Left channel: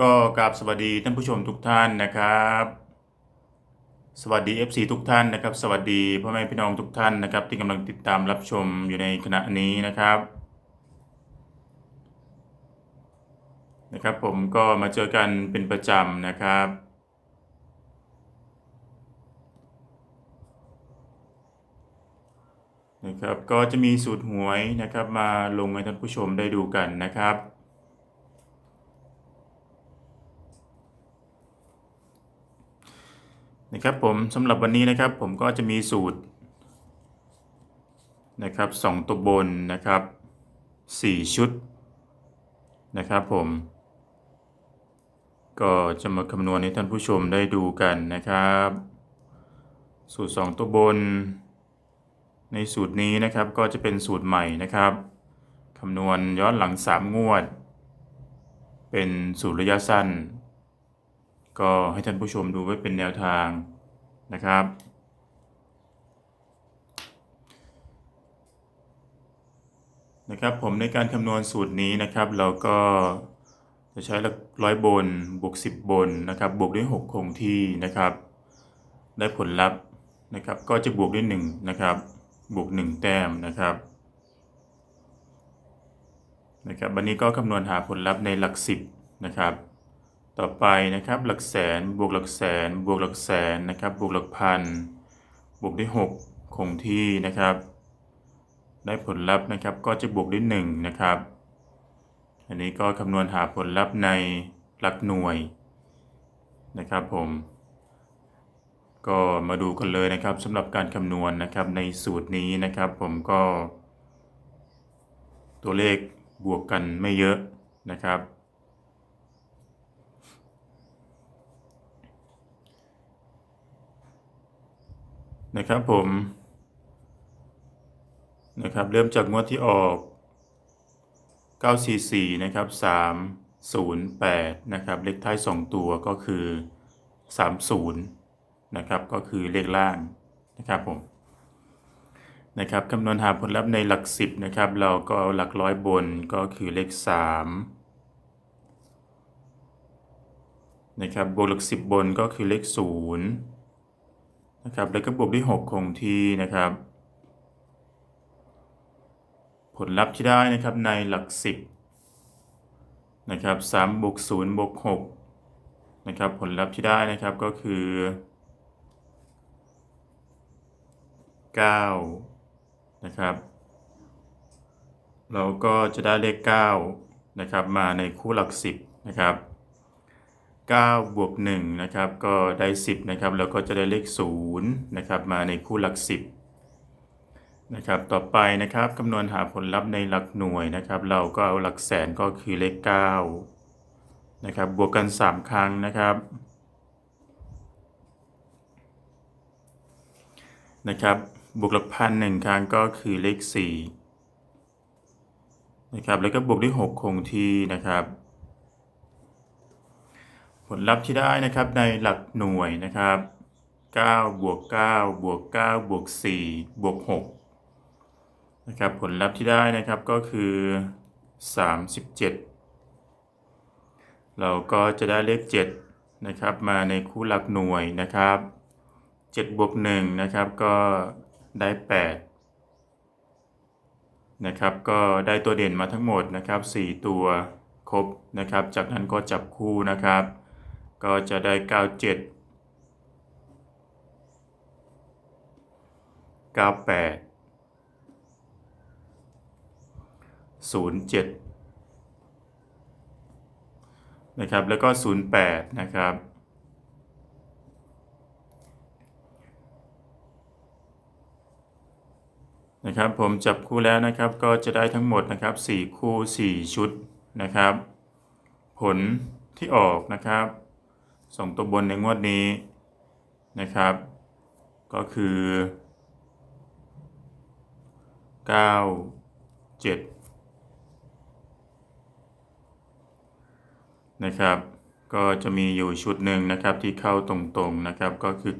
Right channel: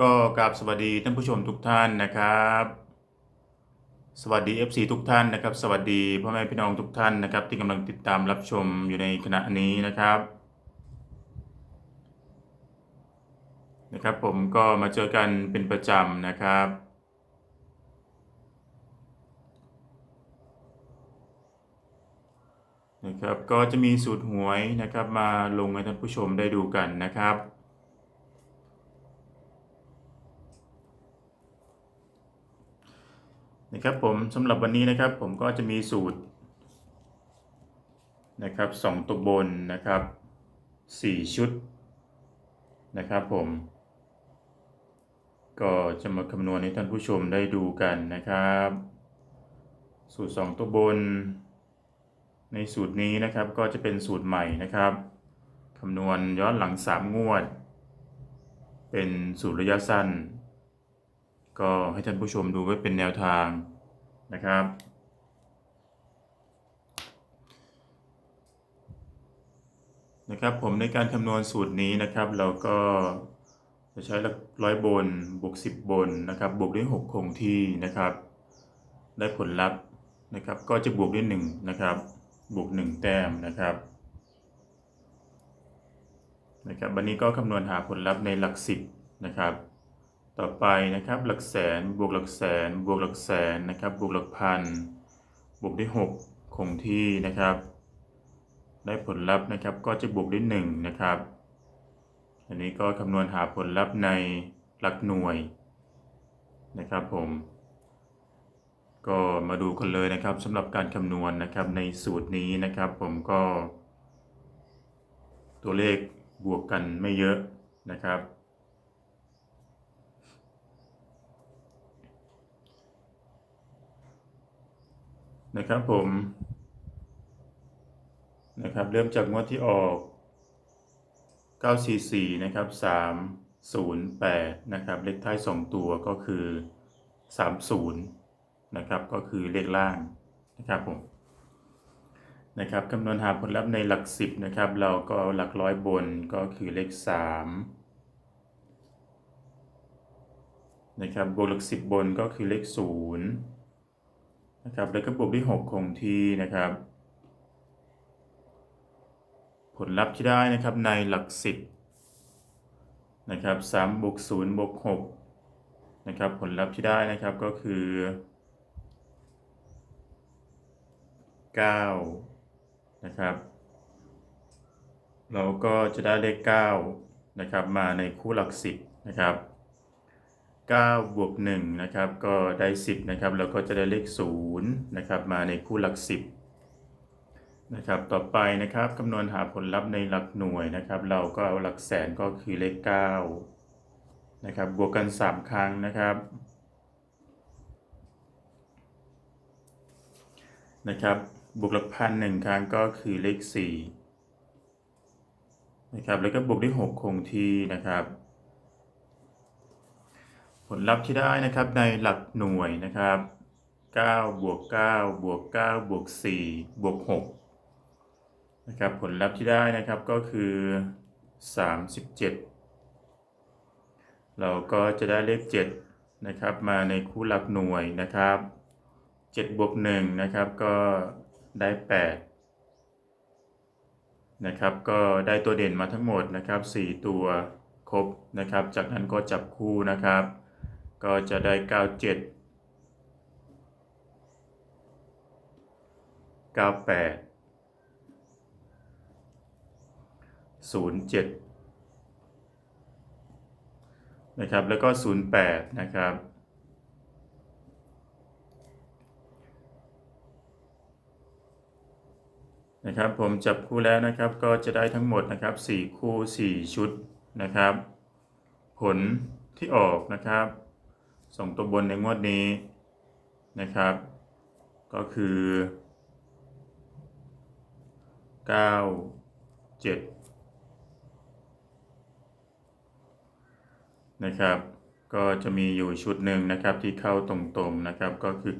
ก็กราบสวัสดีท่านผู้ชมทุกท่านนะครับ สวัสดี FC ทุกท่านนะครับ สวัสดีพ่อแม่พี่น้องทุกท่านนะครับ ที่กำลังติดตามรับชมอยู่ในขณะนี้นะครับนะครับ ผมก็มาเจอกันเป็นประจำนะครับ นะครับ ก็จะมีสูตรหวยนะครับ มาลงให้ท่านผู้ชมได้ดูกันนะครับ นะครับผมสำหรับวันนี้นะครับผมก็จะมีสูตรนะครับสองตัวบนนะครับสี่ชุดนะครับผม ก็จะมาคำนวณให้ท่านผู้ชมได้ดูกันนะครับ สูตรสองตัวบน ในสูตรนี้นะครับก็จะเป็นสูตรใหม่นะครับคำนวณย้อนหลัง 3 งวด เป็นสูตรระยะสั้น ก็ให้ท่านผู้ชมดูไว้เป็นแนวทางนะครับ นะครับผมในการคำนวณสูตรนี้นะครับ เราก็จะใช้หลักร้อยบนบวก10 บนนะครับ บวกด้วย 6 คงที่นะครับ ได้ผลลัพธ์นะครับ ก็จะบวกด้วย1นะครับ บวก 1 แต้มนะครับนะครับวันนี้ก็คำนวณหาผลลัพธ์ในหลัก 10 นะครับ ต่อไปนะครับหลักแสนบวกหลักแสนบวกหลักแสนนะครับบวกหลักพันบวกด้วย 6 คงที่นะครับ ได้ผลลัพธ์นะครับก็จะบวกด้วย1นะครับ อันนี้ก็คำนวณหาผลลัพธ์ในหลักหน่วยนะครับผม ก็มาดูกันเลยนะครับสำหรับการคำนวณนะครับในสูตรนี้นะครับ ผมก็ ตัวเลขบวกกันไม่เยอะนะครับ นะครับผมนะครับเริ่มจากงวดที่ออก 944 นะครับ 308 นะครับ เลขท้าย 2 ตัวก็คือ 30 นะครับ ก็คือเลขล่างนะครับผมนะครับคำนวณหาผลลัพธ์ในหลัก 10 นะครับ เราก็เอาหลักร้อยบนก็คือเลข 3 นะครับบวกหลัก 10 บนก็คือเลข 0 นะครับ แล้วก็บวกด้วย 6 คงที่นะครับ ผลลัพธ์ที่ได้นะครับในหลัก 10นะครับ3บวก0บวก6นะครับ ผลลัพธ์ที่ได้นะครับก็คือ 9 นะครับ เราก็จะได้เลข 9 นะครับ มาในคู่หลัก 10 นะครับ 9 บวก 1 นะครับ ก็ได้ 10 นะครับ แล้วก็จะได้เลข 0 นะครับ มาในคู่หลัก 10 นะครับ ต่อไปนะครับคำนวณหาผลลัพธ์ในหลักหน่วยนะครับ เราก็เอาหลักแสนก็คือเลข 9 นะครับ บวกกัน 3 ครั้งนะครับนะครับ บวกหลักพันหนึ่งครั้งก็คือเลข4นะครับ แล้วก็บวกด้วย6คงที่นะครับ ลลัพธ์ที่ได้นะครับในหลักหน่วยนะครับ9บวก9บวก9บวก4บวก6นะครับผลลัพธ์ที่ได้นะครับก็คือ 37 เราก็จะได้เลข7นะครับมาในคู่หลักหน่วยนะครับ7บวก1นะครับก็ได้ 8 นะครับก็ได้ตัวเด่นมาทั้งหมดนะครับ 4 ตัวครบนะครับ จากนั้นก็จับคู่นะครับ ก็จะได้ 97 98 07 นะครับ แล้วก็ 08 นะครับนะครับผมจับคู่แล้วนะครับก็จะได้ทั้งหมดนะครับ 4 คู่ 4 ชุดนะครับ ผลที่ออกนะครับ ส่งตัวบนในงวดนี้นะครับ ก็คือ 9 7 นะครับ ก็จะมีอยู่ชุดหนึ่งนะครับที่เข้าตรงๆนะครับก็คือ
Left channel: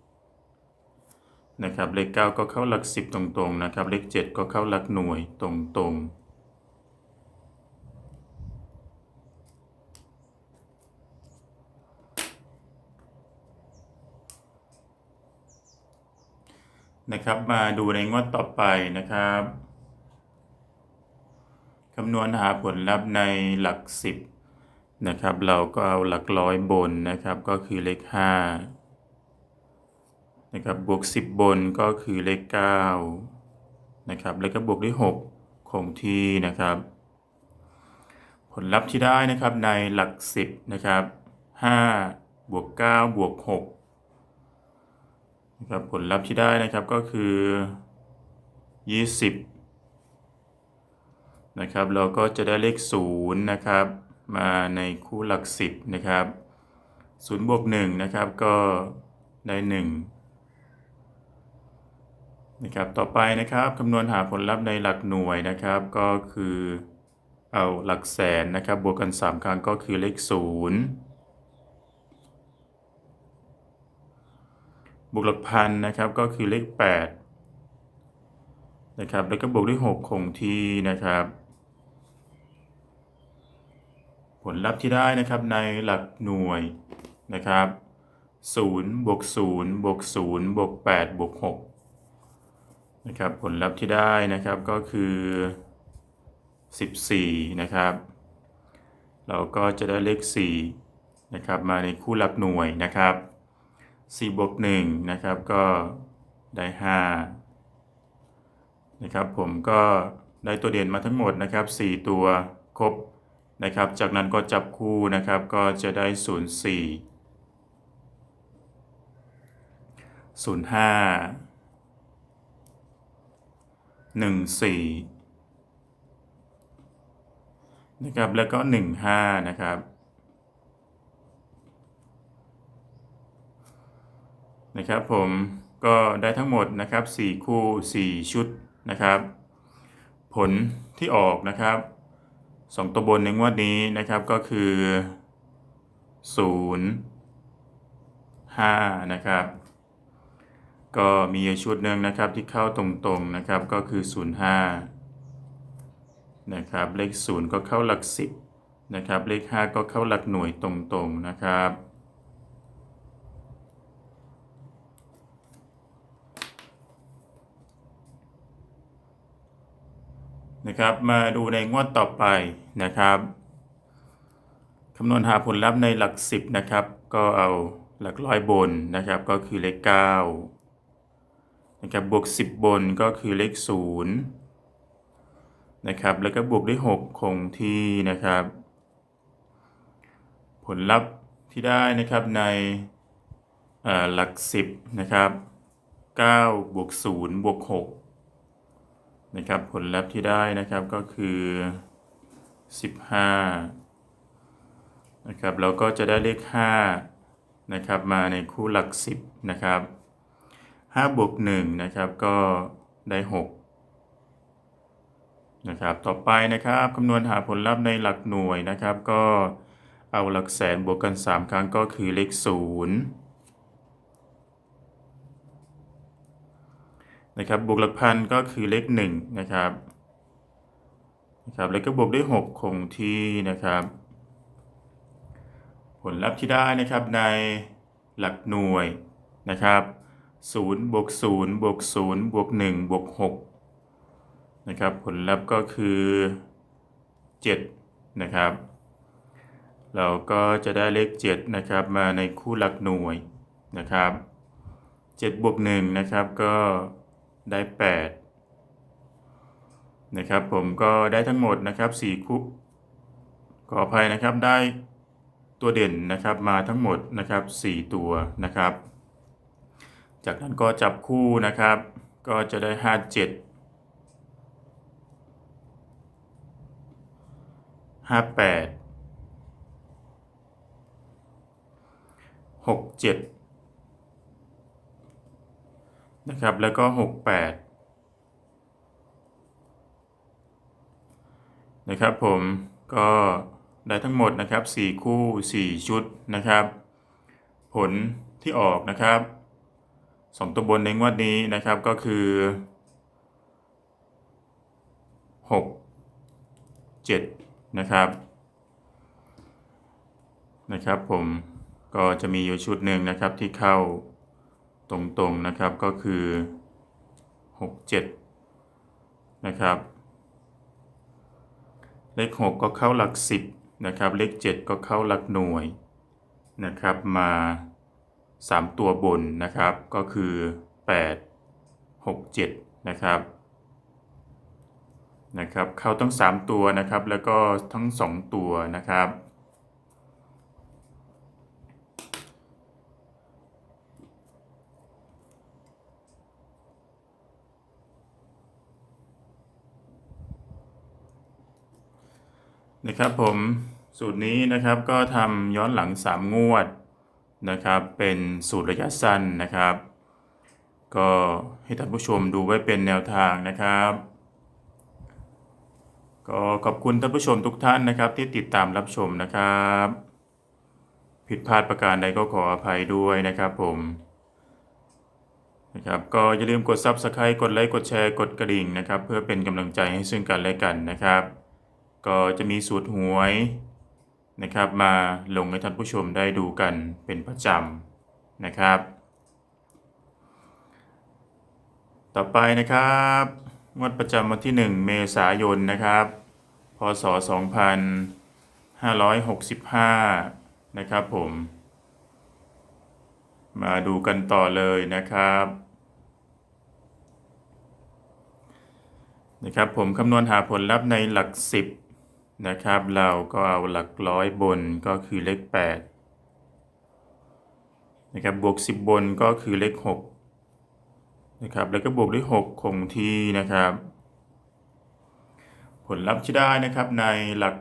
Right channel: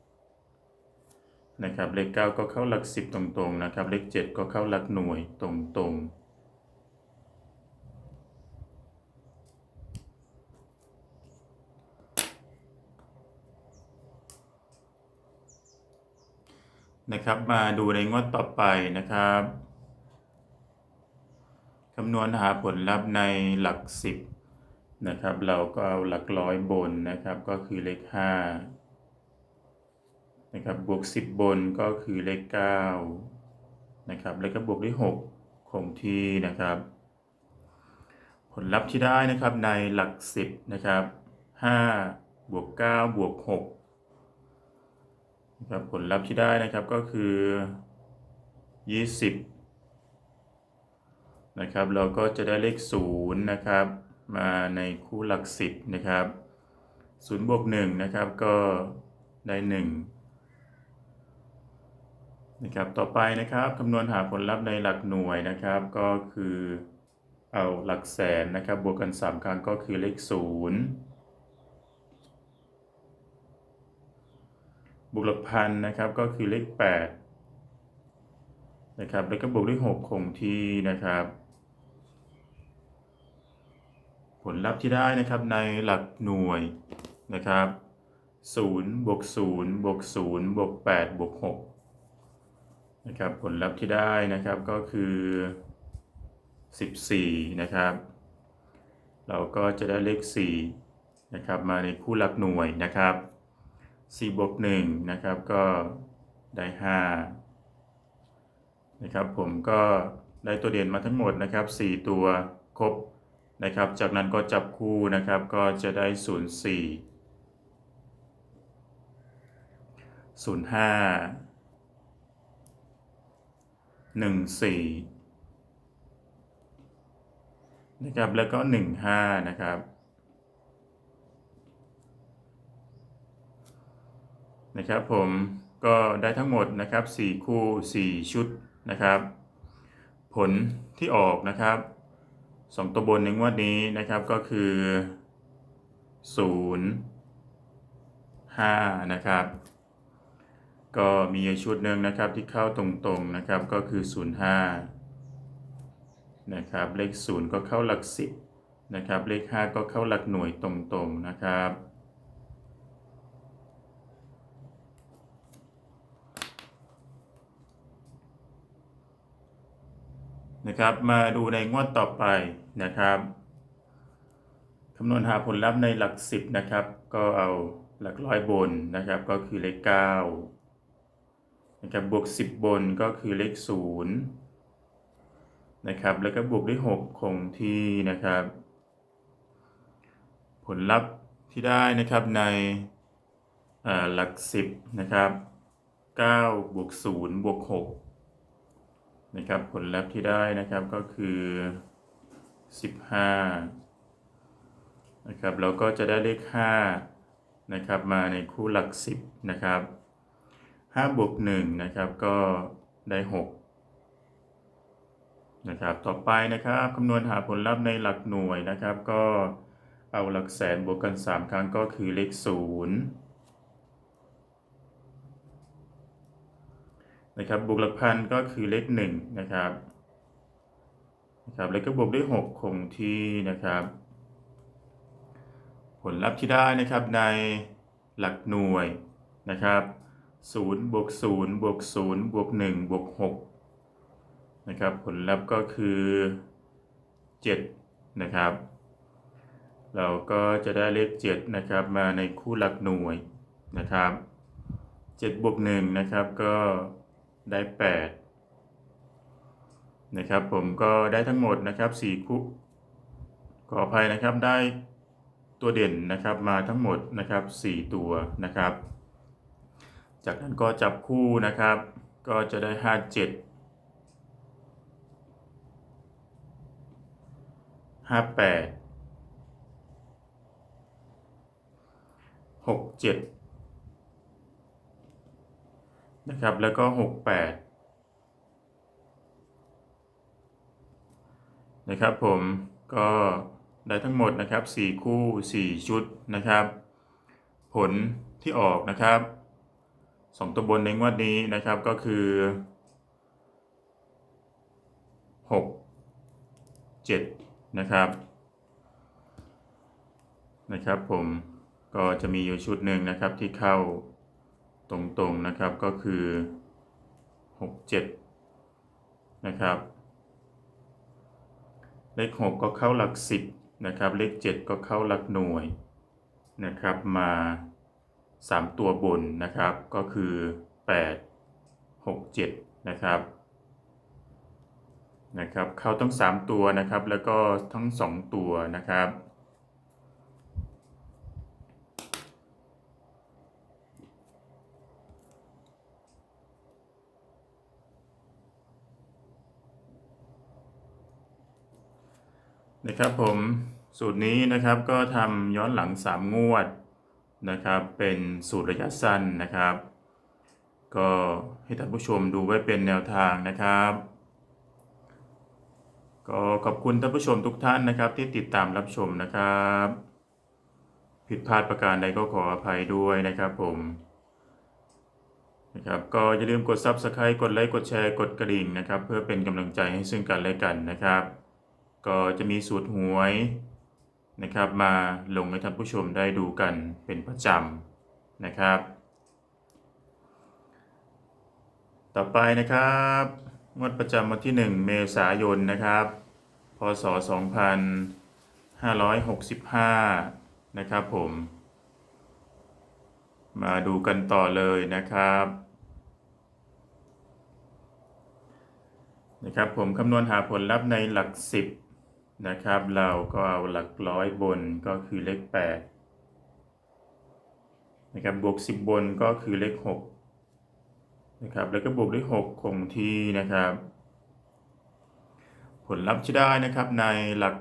97 นะครับ เลข 9 ก็เข้าหลัก 10 ตรงๆนะครับ เลข 7 ก็เข้าหลักหน่วยตรงๆ นะครับ มาดูในงวดต่อไปนะครับคำนวณหาผลลัพธ์ในหลักสิบนะครับเราก็เอาหลักร้อยบนนะครับก็คือเลขห้านะครับบวกสิบบนก็คือเลขเก้านะครับแล้วก็บวกด้วยหกคงที่นะครับ ผลลัพธ์ที่ได้นะครับในหลักสิบนะครับห้าบวกเก้าบวกหก นะครับผลลัพธ์ที่ได้นะครับก็คือยี่สิบนะครับ เราก็จะได้เลขศูนย์นะครับ มาในคู่หลักสิบนะครับศูนย์บวกหนึ่งนะครับก็ได้หนึ่งนะครับ ต่อไปนะครับคำนวณหาผลลัพธ์ในหลักหน่วยนะครับ ก็คือเอาหลักแสนนะครับ บวกกัน 3 ครั้งก็คือเลข 0 บวกหลักพันนะครับก็คือเลข8นะครับแล้วก็บวกด้วย 6 คงที่นะครับ ผลลัพธ์ที่ได้นะครับในหลักหน่วยนะครับ0บวก0บวก0บวก8บวก6นะครับผลลัพธ์ที่ได้นะครับก็คือ 14 นะครับ เราก็จะได้เลข4นะครับมาในคู่หลักหน่วยนะครับ 4บวก1นะครับก็ได้5นะครับผมก็ได้ตัวเด่นมาทั้งหมดนะครับ 4 ตัวครบนะครับ จากนั้นก็จับคู่นะครับก็จะได้ 04 05 14นะครับแล้วก็ 15 นะครับ นะครับผมก็ได้ทั้งหมดนะครับ4คู่ 4 ชุดนะครับ ผลที่ออกนะครับ2ตัวบนในงวดนี้นะครับก็คือ 0 5 นะครับ ก็มีชุดหนึ่งนะครับที่เข้าตรงๆนะครับก็คือ 05 นะครับเลข 0 ก็เข้าหลัก 10นะครับเลข 5 ก็เข้าหลักหน่วยตรงๆนะครับ นะครับ มาดูในงวดต่อไปนะครับคำนวณหาผลลัพธ์ในหลัก 10 นะครับ ก็เอาหลักร้อยบนนะครับ ก็คือเลข9นะครับบวก 10 บนก็คือเลข0นะครับแล้วก็บวกด้วย 6 คงที่นะครับ ผลลัพธ์ที่ได้นะครับในหลัก 10 นะครับ9บวก0บวก6 นะครับผลลัพธ์ที่ได้นะครับก็คือ 15นะครับเราก็จะได้เลข5นะครับมาในคู่หลัก 10นะครับ5บวก1นะครับก็ได้ 6 นะครับต่อไปนะครับคำนวณหาผลลัพธ์ในหลักหน่วยนะครับ ก็เอาหลักแสนบวกกัน 3 ครั้งก็คือเลข 0 นะครับบวกหลักพันก็คือเลข1นะครับนะครับแล้วก็บวกด้วย 6 คงที่นะครับ ผลลัพธ์ที่ได้นะครับในหลักหน่วยนะครับ0บวก0บวก0บวก1บวก6นะครับผลลัพธ์ก็คือ7นะครับ เราก็จะได้เลข7นะครับมาในคู่หลักหน่วยนะครับ7บวก1นะครับก็ ได้ 8 นะครับ ผมก็ได้ทั้งหมดนะครับ4คู่ขออภัยนะครับได้ตัวเด่นนะครับมาทั้งหมดนะครับ 4 ตัวนะครับ จากนั้นก็จับคู่นะครับ ก็จะได้ 5 7 5 8 6 7 นะครับ แล้วก็ 6 8 นะครับผมก็ได้ทั้งหมดนะครับ 4 คู่ 4 ชุดนะครับ ผลที่ออกนะครับ 2 ตัวบนในงวดนี้นะครับก็คือ 6 7 นะครับนะครับผมก็จะมีอยู่ชุดหนึ่งนะครับที่เข้า ตรงๆนะครับก็คือหกเจ็ดนะครับ เลขหกก็เข้าหลักสิบนะครับ เลขเจ็ดก็เข้าหลักหน่วยนะครับมาสามตัวบนนะครับก็คือแปดหกเจ็ดนะครับนะครับเข้าทั้งสามตัวนะครับแล้วก็ทั้งสองตัวนะครับ นะครับผมสูตรนี้นะครับก็ทำย้อนหลัง 3 งวดนะครับ เป็นสูตรระยะสั้นนะครับ ก็ให้ท่านผู้ชมดูไว้เป็นแนวทางนะครับ ก็ขอบคุณท่านผู้ชมทุกท่านนะครับ ที่ติดตามรับชมนะครับ ผิดพลาดประการใดก็ขออภัยด้วยนะครับผมนะครับก็อย่าลืมกด Subscribe กดไลค์กดแชร์กดกระดิ่งนะครับ เพื่อเป็นกำลังใจให้ซึ่งกันและกันนะครับ ก็จะมีสูตรหวยนะครับ มาลงให้ท่านผู้ชมได้ดูกันเป็นประจำนะครับ ต่อไปนะครับงวดประจำวันที่ 1 เมษายนนะครับ พศ 2565 นะครับผม มาดูกันต่อเลยนะครับนะครับผมคำนวณหาผลลัพธ์ในหลัก 10 นะครับ เราก็เอาหลักร้อยบนก็คือเลข8นะครับบวก 10 บนก็คือเลข6นะครับแล้วก็บวกด้วย6คงที่นะครับ ผลลัพธ์ที่ได้นะครับในหลัก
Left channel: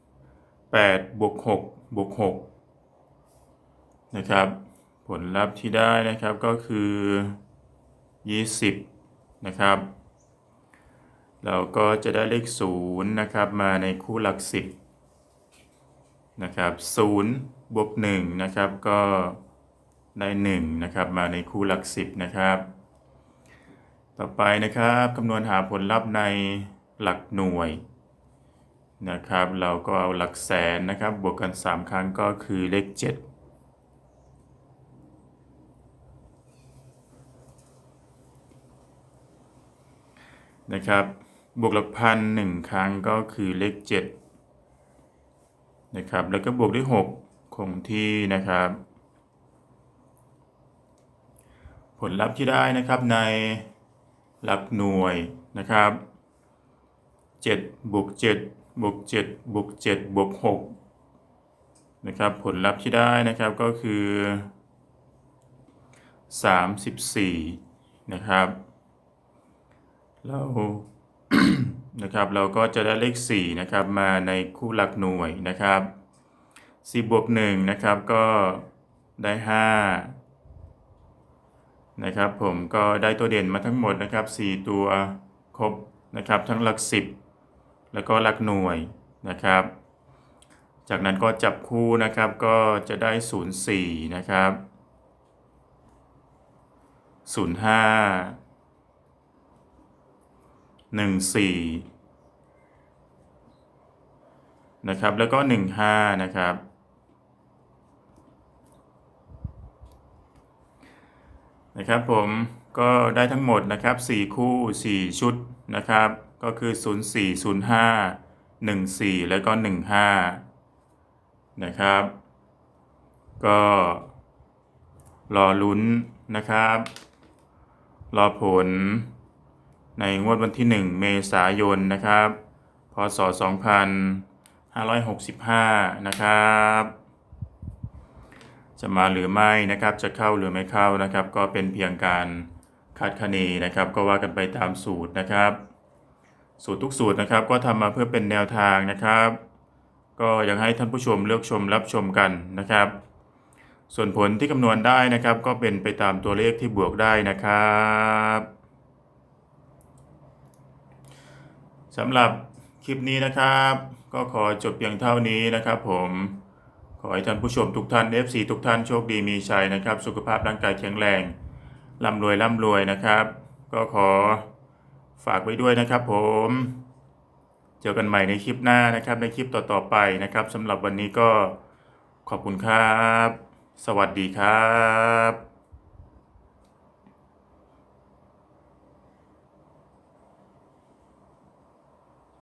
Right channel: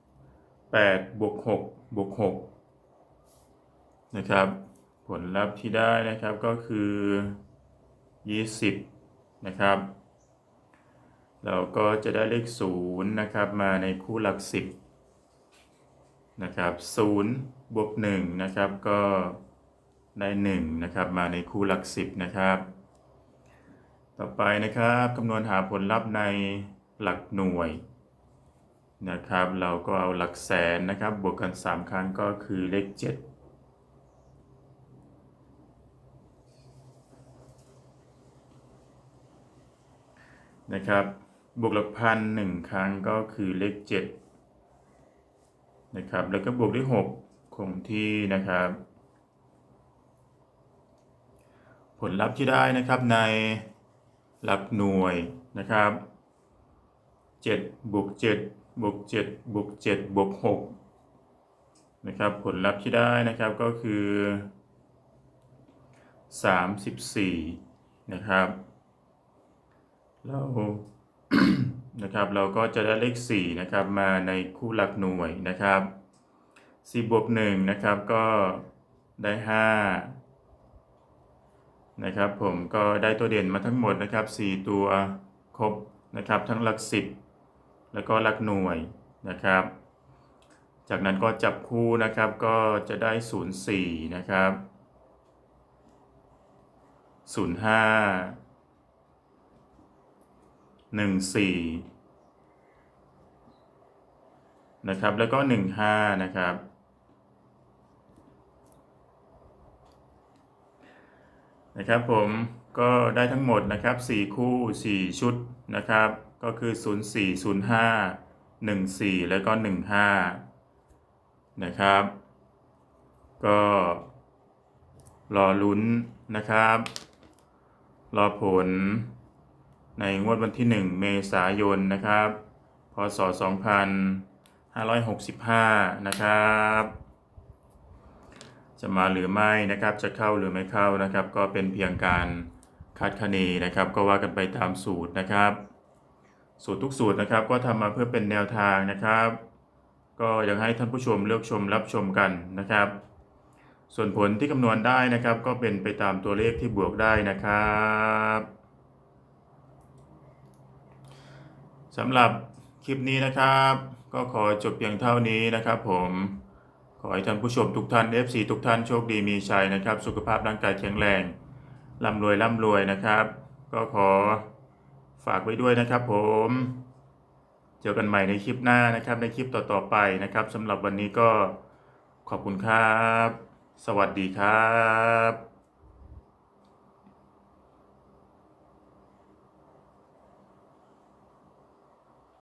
10 8บวก6บวก6นะครับผลลัพธ์ที่ได้นะครับก็คือ 20 นะครับ เราก็จะได้เลข0นะครับมาในคู่หลัก10นะครับ0บวก1นะครับก็ได้1นะครับมาในคู่หลัก10นะครับต่อไปนะครับคำนวณหาผลลัพธ์ในหลักหน่วยนะครับเราก็เอาหลักแสนนะครับบวกกัน 3 ครั้งก็คือเลข 7นะครับ บวกหลักพันหนึ่งครั้งก็คือเลข7นะครับ แล้วก็บวกด้วย6คงที่นะครับ ผลลัพธ์ที่ได้นะครับในหลักหน่วยนะครับ7บวก7บวก7บวก7บวก6นะครับ ผลลัพธ์ที่ได้นะครับก็คือ 34 นะครับเรา นะครับเราก็จะได้เลข4นะครับมาในคู่หลักหน่วยนะครับ4บวก1นะครับก็ได้5นะครับผมก็ได้ตัวเด่นมาทั้งหมดนะครับ 4 ตัวครบนะครับทั้งหลัก 10 แล้วก็หลักหน่วยนะครับ จากนั้นก็จับคู่นะครับก็จะได้ 04 นะครับ 05 หนึ่งสี่นะครับ แล้วก็หนึ่งห้านะครับ นะครับผมก็ได้ทั้งหมดนะครับสี่คู่สี่ชุดนะครับ ก็คือศูนย์สี่ศูนย์ห้าหนึ่งสี่แล้วก็หนึ่งห้านะครับ ก็รอลุ้นนะครับ รอผล ในงวดวันที่ 1 เมษายนนะครับ พศ 2565 นะครับ จะมาหรือไม่นะครับจะเข้าหรือไม่เข้านะครับ ก็เป็นเพียงการคาดคะเนนะครับ ก็ว่ากันไปตามสูตรนะครับ สูตรทุกสูตรนะครับ ก็ทำมาเพื่อเป็นแนวทางนะครับ ก็อยังให้ท่านผู้ชมเลือกชมรับชมกันนะครับ ส่วนผลที่คำนวณได้นะครับ ก็เป็นไปตามตัวเลขที่บวกได้นะครับ สำหรับคลิปนี้นะครับ ก็ขอจบเพียงเท่านี้นะครับ ผมขอให้ท่านผู้ชมทุกท่าน FC ทุกท่านโชคดีมีชัยนะครับ สุขภาพร่างกายแข็งแรงร่ำรวยร่ำรวยนะครับ ก็ขอฝากไว้ด้วยนะครับ ผม เจอกันใหม่ในคลิปหน้านะครับ ในคลิปต่อๆไปนะครับสำหรับวันนี้ก็ขอบคุณครับ สวัสดีครับ